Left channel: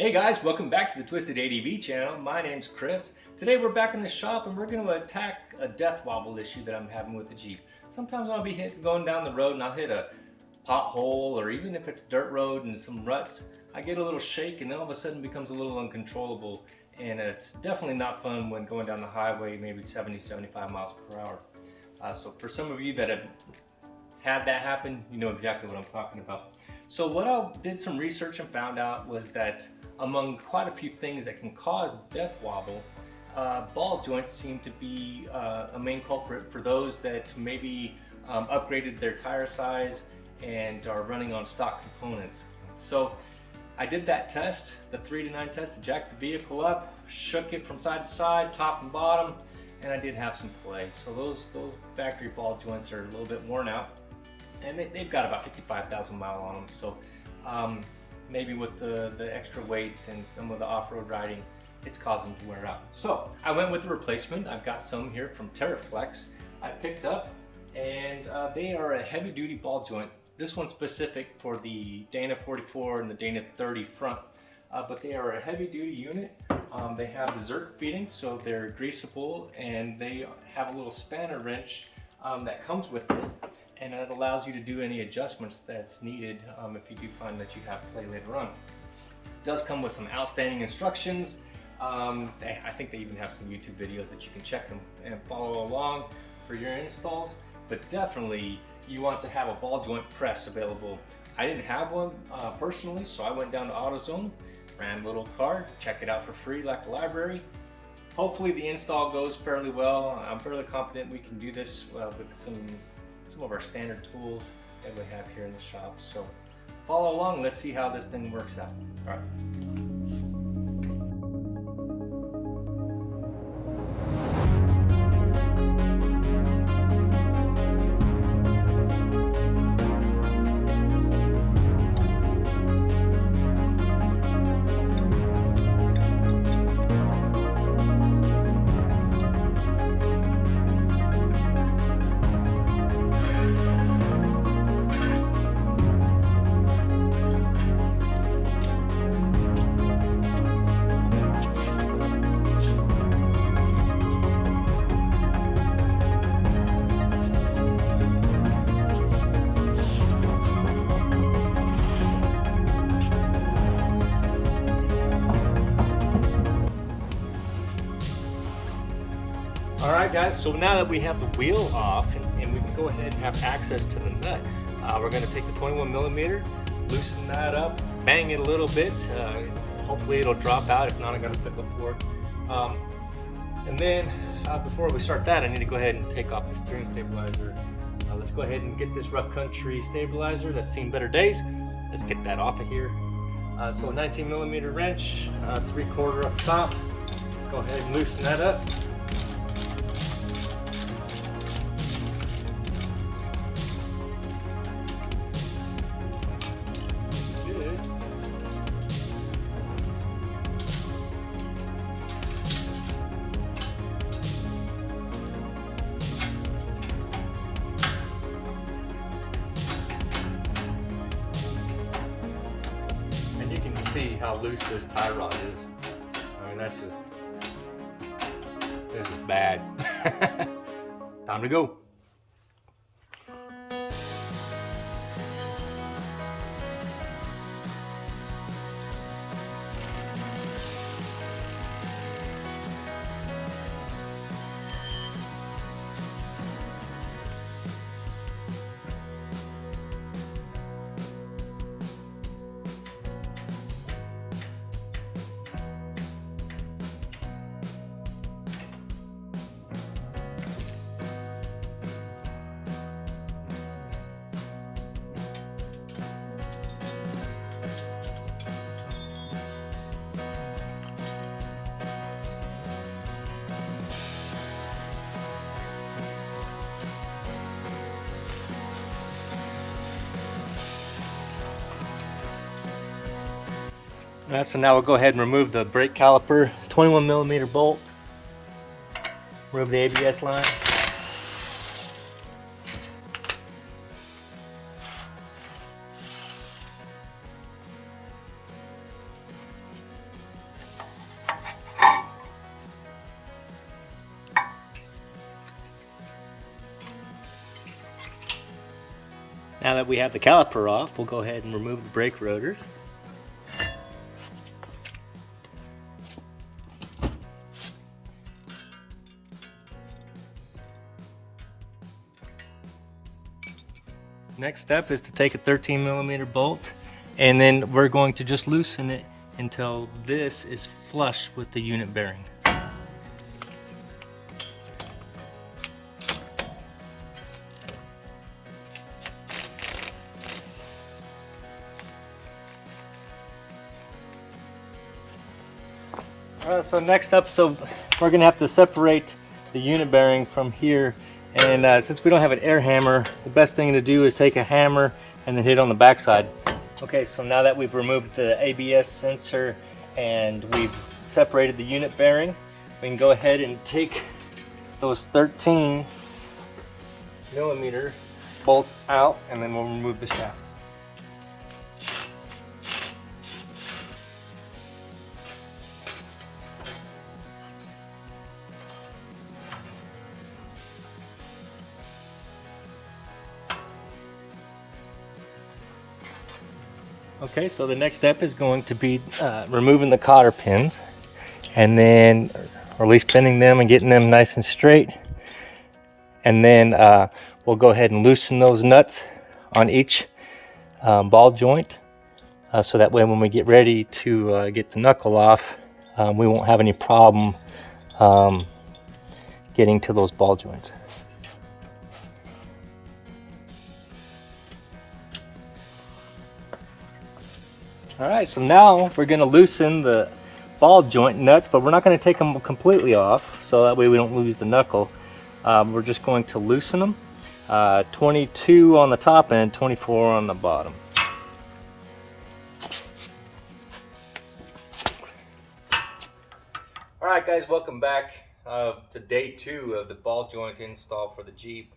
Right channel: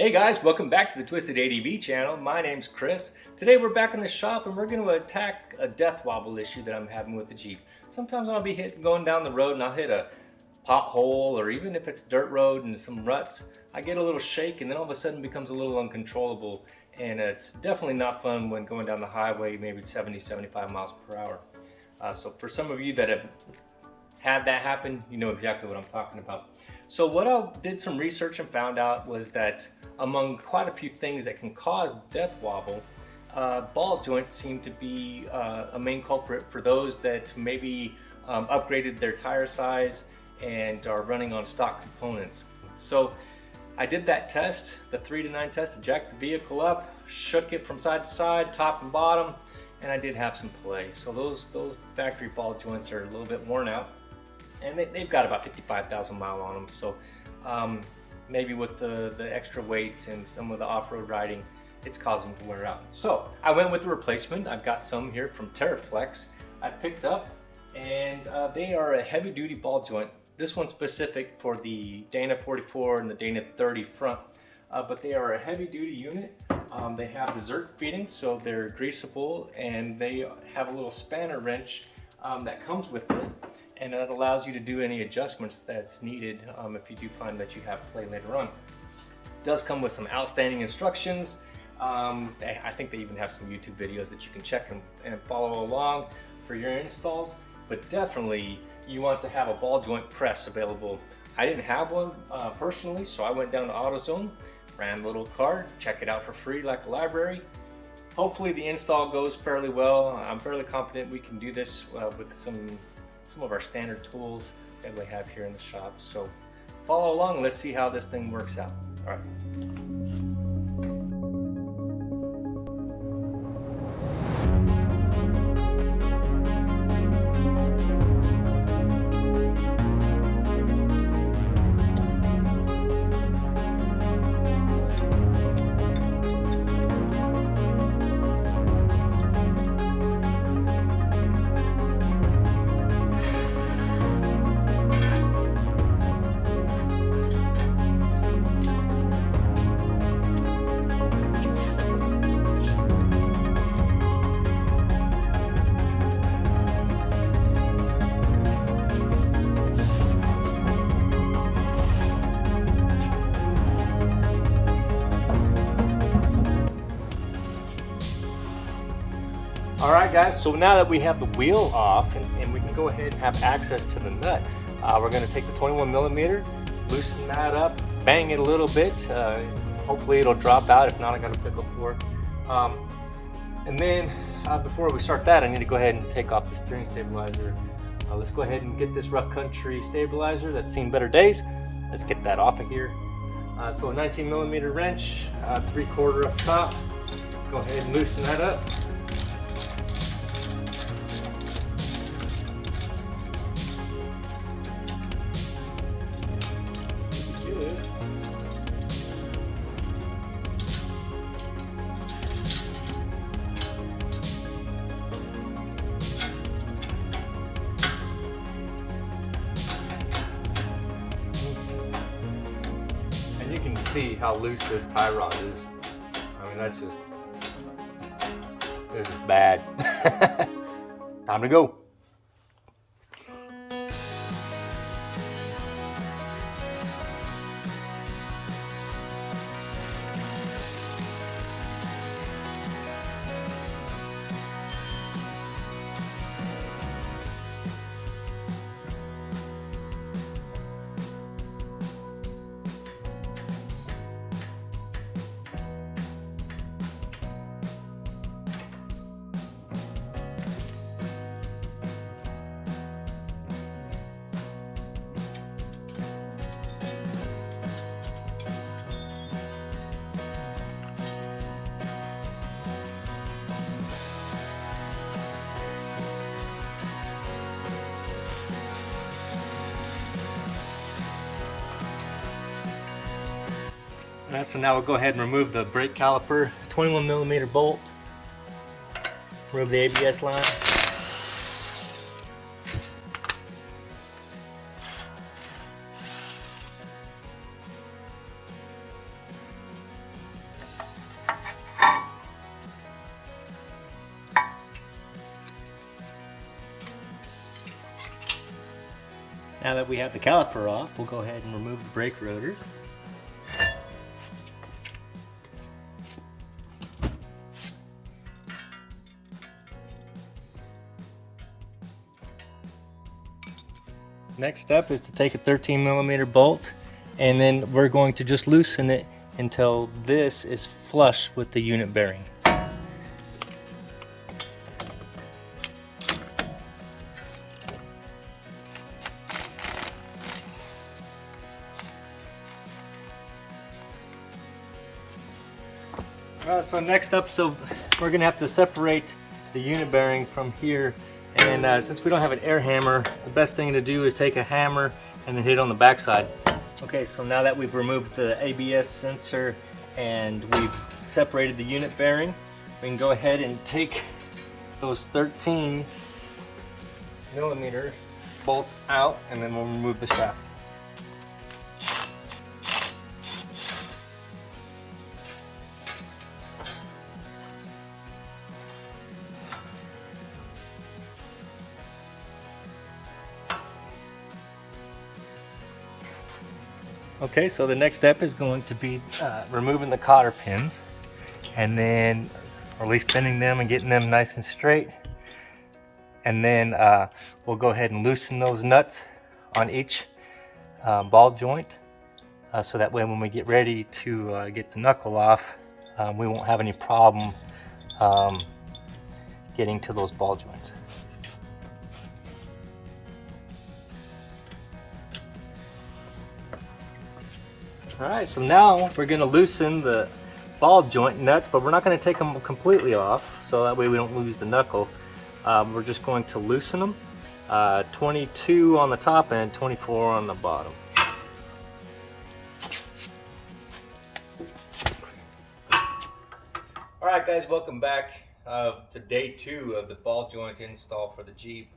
Hey guys, welcome back to the Twisted ADV channel. My name's Chris. Today we're back in the shop and we're going to attack a death wobble issue that I'm having with the Jeep. Sometimes I'll be going down the road and I'll hit a pothole, or even if it's dirt road and some ruts, I get a little shake and then all of a sudden it becomes a little uncontrollable, and it's definitely not fun when going down the highway maybe 70-75 miles per hour. So for some of you that have had that happen, you know exactly what I'm talking about. So what I did some research and found out was that among quite a few things that can cause death wobble, ball joints seem to be a main culprit for those that maybe upgraded their tire size and are running on stock components. So I did that test, the 3 to 9 test, jacked the vehicle up, shook it from side to side, top and bottom, and I did have some play. So those factory ball joints are a little bit worn out, and they've got about 55,000 miles on them. So maybe with the extra weight and some of the off-road riding, it's causing them to wear out. So I went with the replacement. I've got some here from TeraFlex I picked up, and they are a heavy-duty ball joint. This one's specific for the Dana 44 and the Dana 30 front, but they are a heavy-duty unit. They have the Zerk fittings, so they're greasable, and they have a little spanner wrench that comes with it, and it allows you to do any adjustments that's needed if you do find that you have play later on. It does come with some outstanding instructions. I think they even have some YouTube videos that you can check and follow along for your installs, but definitely you want to have a ball joint press available. I didn't have one personally, so I went down to AutoZone, ran a little card, check it out for free like a library. Hopefully the install goes fairly well. I'm fairly confident we can do this with some of our standard tools that we have here in the shop. So follow along, let's see how this thing works out. All right. Alright guys, so now that we have the wheel off and we can go ahead and have access to the nut, we're going to take the 21mm, loosen that up, bang it a little bit, hopefully it'll drop out. If not, I got a pickle for it. And then before we start that, I need to go ahead and take off the steering stabilizer. Let's go ahead and get this rough country stabilizer that's seen better days. Let's get that off of here. So a 19mm wrench, 3/4 up top. Go ahead and loosen that up. See how loose this tie rod is. I mean, this is bad. Time to go. So now we'll go ahead and remove the brake caliper, 21mm bolt, remove the ABS line. Now that we have the caliper off, we'll go ahead and remove the brake rotors. Next step is to take a 13mm bolt, and then we're going to just loosen it until this is flush with the unit bearing. So next up, we're gonna have to separate the unit bearing from here, and since we don't have an air hammer, the best thing to do is take a hammer and then hit on the backside. Okay, so now that we've removed the ABS sensor and we've separated the unit bearing, we can go ahead and take those 13mm bolts out, and then we'll remove the shaft. Okay, so the next step is going to be removing the cotter pins, and then, or at least bending them and getting them nice and straight. And then we'll go ahead and loosen those nuts on each ball joint, so that way when we get ready to get the knuckle off, we won't have any problem getting to those ball joints. Alright, so now we're going to loosen the ball joint nuts, but we're not going to take them completely off, so that way we don't lose the knuckle. We're just going to loosen them, 22 on the top and 24 on the bottom. Alright guys, welcome back to day 2 of the ball joint install for the Jeep.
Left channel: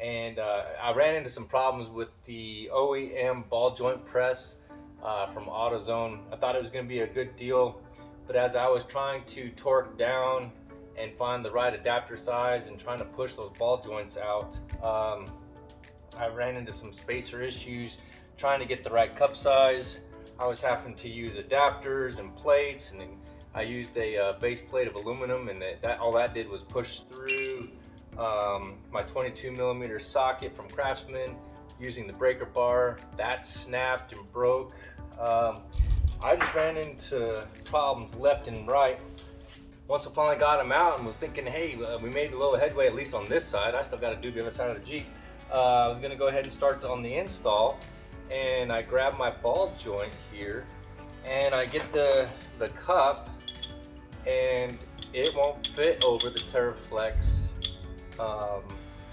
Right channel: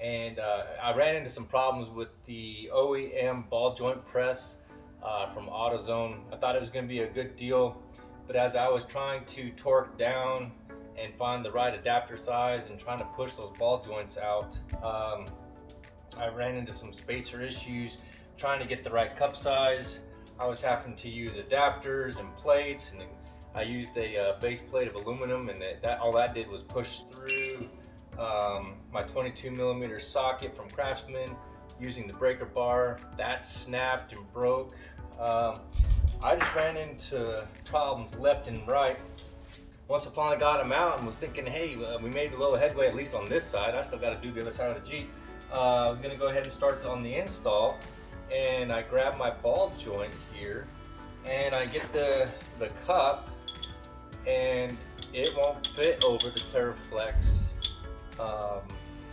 And I ran into some problems with the OEM ball joint press from AutoZone. I thought it was going to be a good deal, but as I was trying to torque down and find the right adapter size and trying to push those ball joints out, I ran into some spacer issues trying to get the right cup size. I was having to use adapters and plates, and then I used a base plate of aluminum, and all that did was push through my 22mm socket from Craftsman using the breaker bar. That snapped and broke. I just ran into problems left and right. Once I finally got them out and was thinking, hey, we made a little headway, at least on this side. I still got to do the other side of the Jeep. I was going to go ahead and start on the install, and I grab my ball joint here, and I get the cup, and it won't fit over the TeraFlex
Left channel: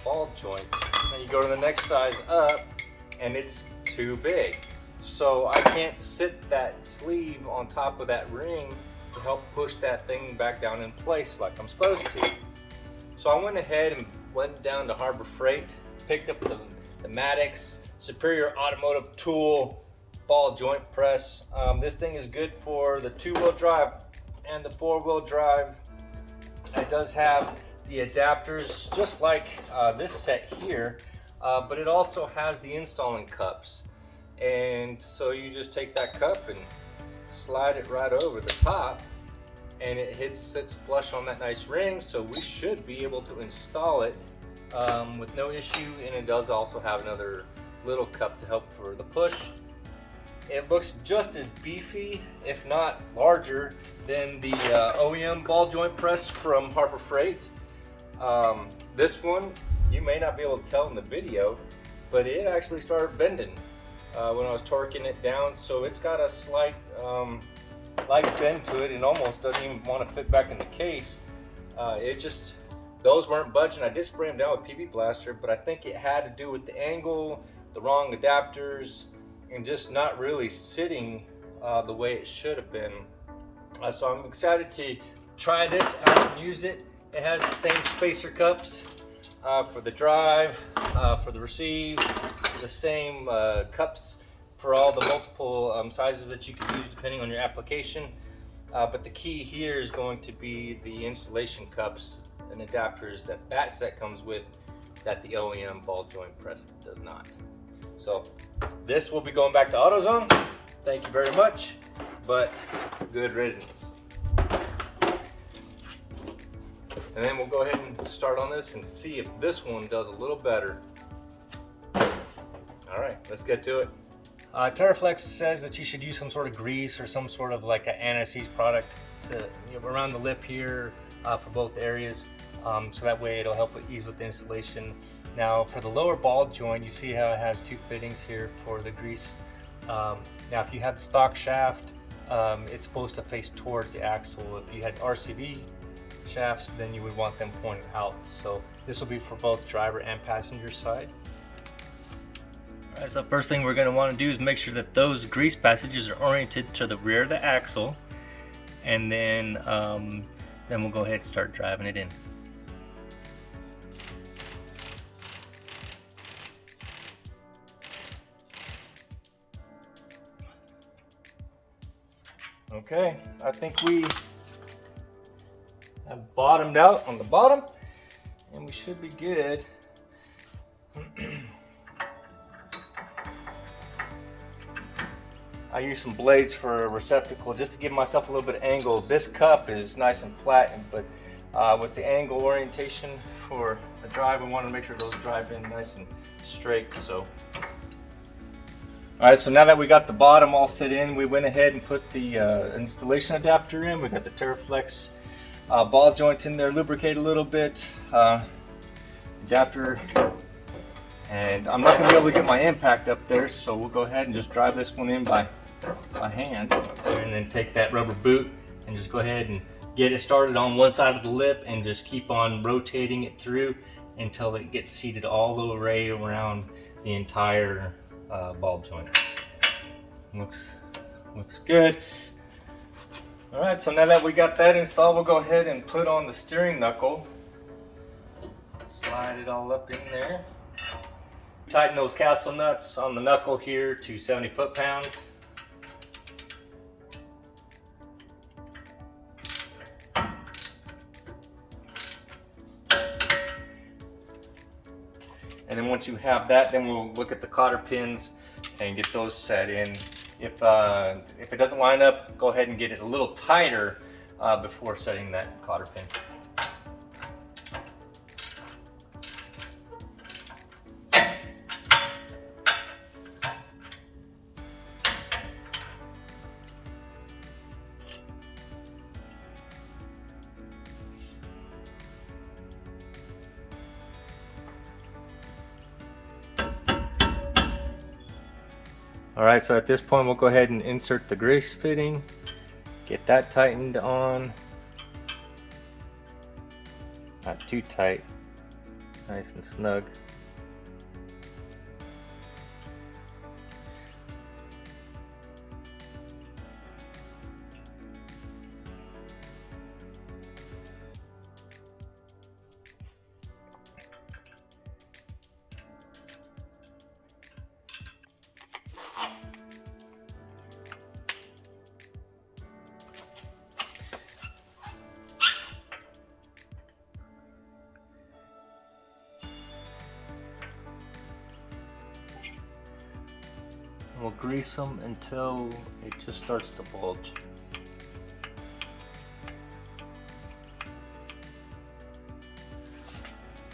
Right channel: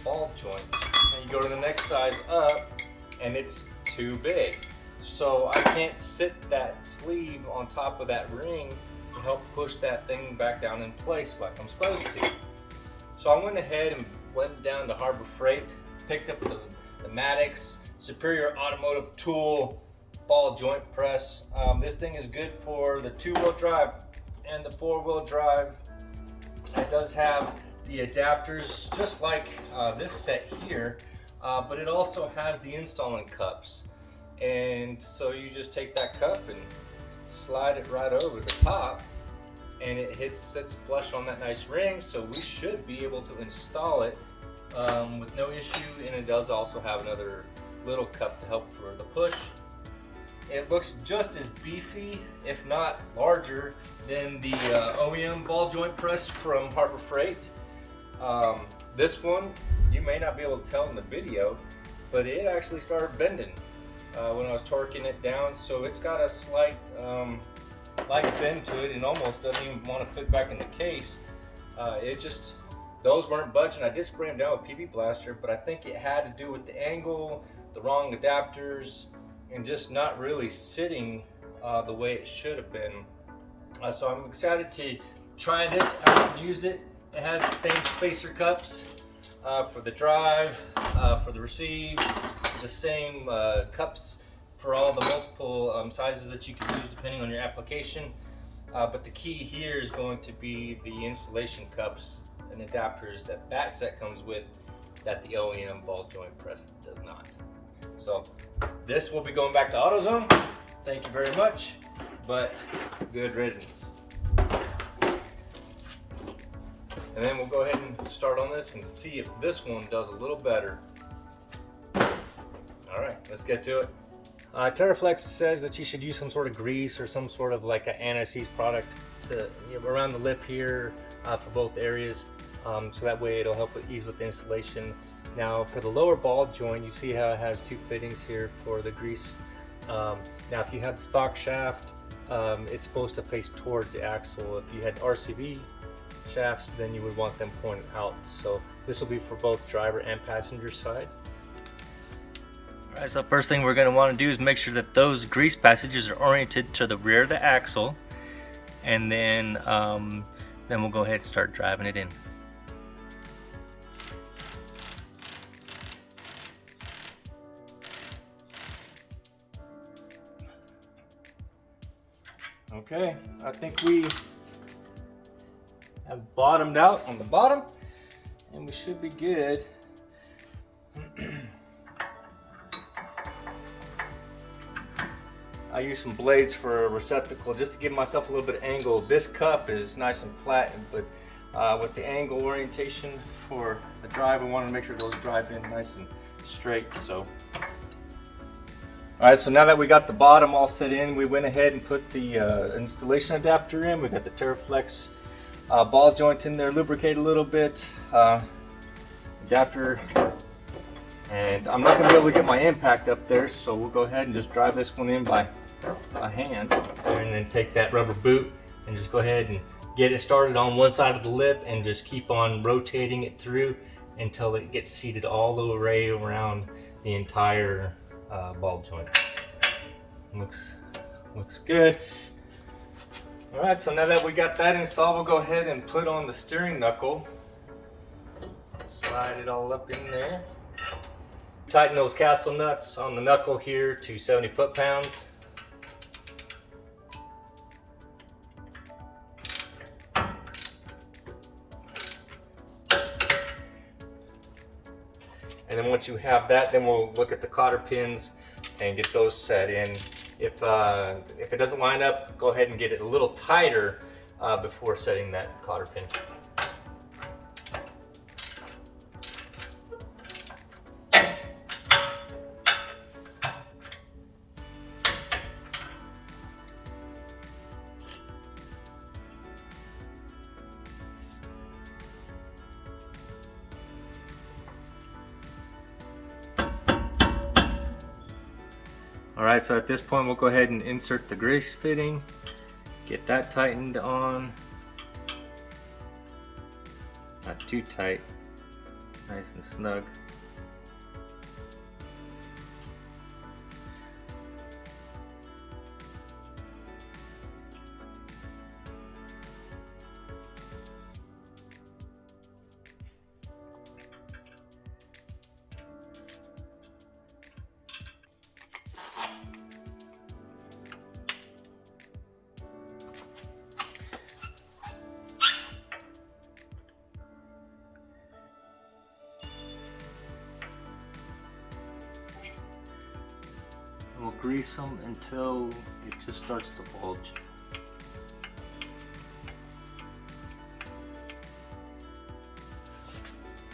ball joint. And you go to the next size up, and it's too big. So I can't sit that sleeve on top of that ring to help push that thing back down in place like I'm supposed to. So I went ahead and went down to Harbor Freight, picked up the Maddox Superior Automotive Tool ball joint press. This thing is good for the 2-wheel drive and the 4-wheel drive. It does have the adapters just like this set here, but it also has the installing cups. And so you just take that cup and slide it right over the top, and it sits flush on that nice ring, so we should be able to install it with no issue. And it does also have another little cup to help for the push. It looks just as beefy, if not larger, than the OEM ball joint press from Harbor Freight. This one, you may not be able to tell in the video, but it actually started bending when I was torquing it down, so it's got a slight bend to it and almost doesn't even want to fit back in the case. Those weren't budging. I did spray them down with PB Blaster, but I think it had to do with the angle, the wrong adapters, and just not really sitting the way it should have been. So I'm excited to try this out and use it. It has the same spacer cups for the drive, for the receive, the same cups for all the multiple sizes that you can use depending on your application. But the key here is going to be the installation cups and adapters that set comes with, that the OEM ball joint press does not. So this will be going back to AutoZone. Thank you very much, but good riddance. And then we'll go ahead and start on this and see if this one does a little better. All right, let's get to it. TeraFlex says that you should use some sort of grease or some sort of like an anti-seize product to around the lip here for both areas, so that way it'll help with ease with the installation. Now for the lower ball joint, you see how it has two fittings here for the grease. Now if you have the stock shaft, it's supposed to face towards the axle. If you had RCV shafts, then you would want them pointed out. So this will be for both driver and passenger side. All right, so first thing we're going to want to do is make sure that those grease passages are oriented to the rear of the axle, and then we'll go ahead and start driving it in. Okay, I think we have bottomed out on the bottom, and we should be good. I use some blades for a receptacle just to give myself a little bit of angle. This cup is nice and flat, but with the angle orientation for the drive, we want to make sure those drive in nice and straight. So, all right, so now that we got the bottom all set in, we went ahead and put the installation adapter in. We got the TeraFlex ball joint in there, lubricate a little bit, adapter, and I'm not going to be able to get my impact up there, so we'll go ahead and just drive this one in by hand, and then take that rubber boot and just go ahead and get it started on one side of the lip and just keep on rotating it through until it gets seated all the way around the entire ball joint. Looks good. All right, so now that we got that installed, we'll go ahead and put on the steering knuckle. Slide it all up in there. Tighten those castle nuts on the knuckle here to 70 foot-pounds. And then once you have that, then we'll look at the cotter pins and get those set in. If it doesn't line up, go ahead and get it a little tighter before setting that cotter pin. All right, so at this point, we'll go ahead and insert the grease fitting, get that tightened on. Not too tight, nice and snug. We'll grease them until it just starts to bulge.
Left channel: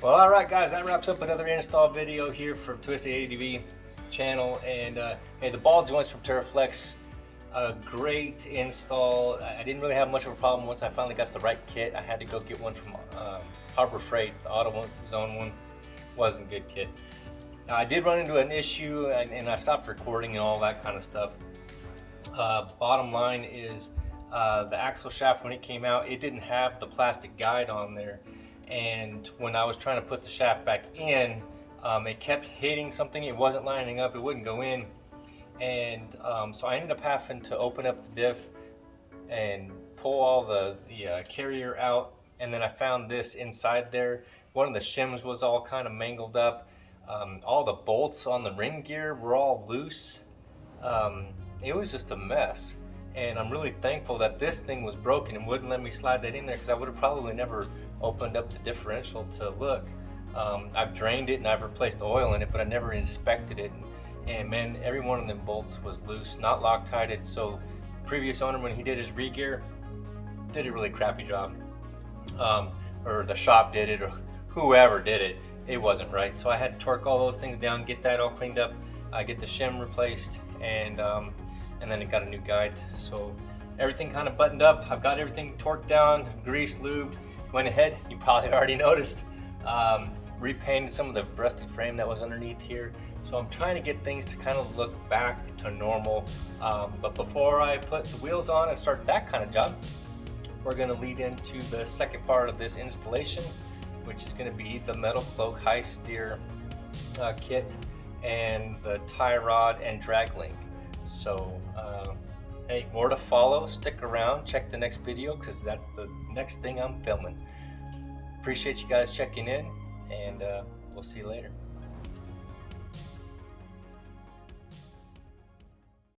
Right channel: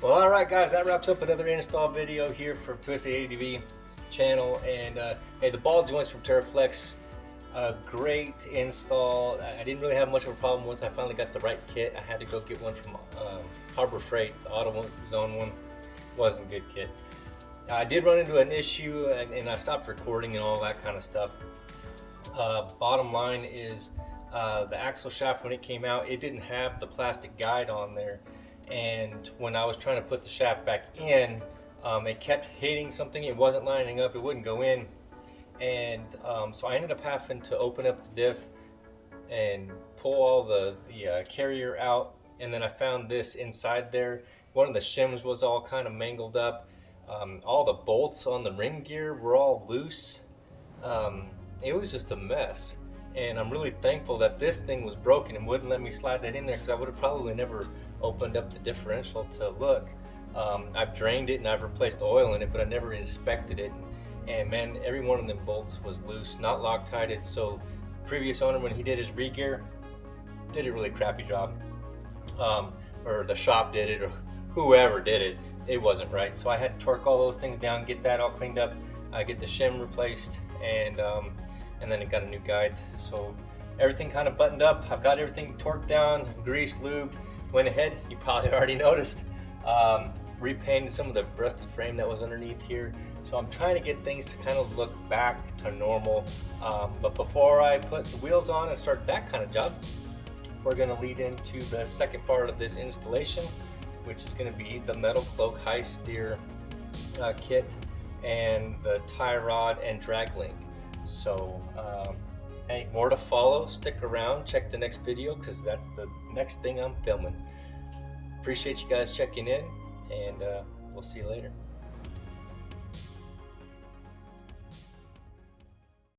Well, all right, guys, that wraps up another install video here from Twisted ADV channel. And hey, the ball joints from TeraFlex, great install. I didn't really have much of a problem once I finally got the right kit. I had to go get one from Harbor Freight. The AutoZone one wasn't a good kit. I did run into an issue, and I stopped recording and all that kind of stuff. Bottom line is the axle shaft, when it came out, it didn't have the plastic guide on there, and when I was trying to put the shaft back in, it kept hitting something. It wasn't lining up, it wouldn't go in, and so I ended up having to open up the diff and pull all the carrier out, and then I found this inside there. One of the shims was all kind of mangled up. All the bolts on the ring gear were all loose. It was just a mess, and I'm really thankful that this thing was broken and wouldn't let me slide that in there, because I would have probably never opened up the differential to look. I've drained it and I've replaced oil in it, but I never inspected it, and man, every one of them bolts was loose, not Loctited. So previous owner, when he did his re-gear, did a really crappy job, or the shop did it, or whoever did it, it wasn't right. So I had to torque all those things down, get that all cleaned up, get the shim replaced, and then it got a new guide. So everything kind of buttoned up. I've got everything torqued down, greased, lubed. Went ahead, you probably already noticed, repainted some of the rusty frame that was underneath here. So I'm trying to get things to kind of look back to normal. But before I put the wheels on and start that kind of job, we're going to lead into the second part of this installation, which is going to be the metal cloak high steer kit and the tie rod and drag link. So hey, more to follow. Stick around, check the next video, because that's the next thing I'm filming. Appreciate you guys checking in, and we'll see you later.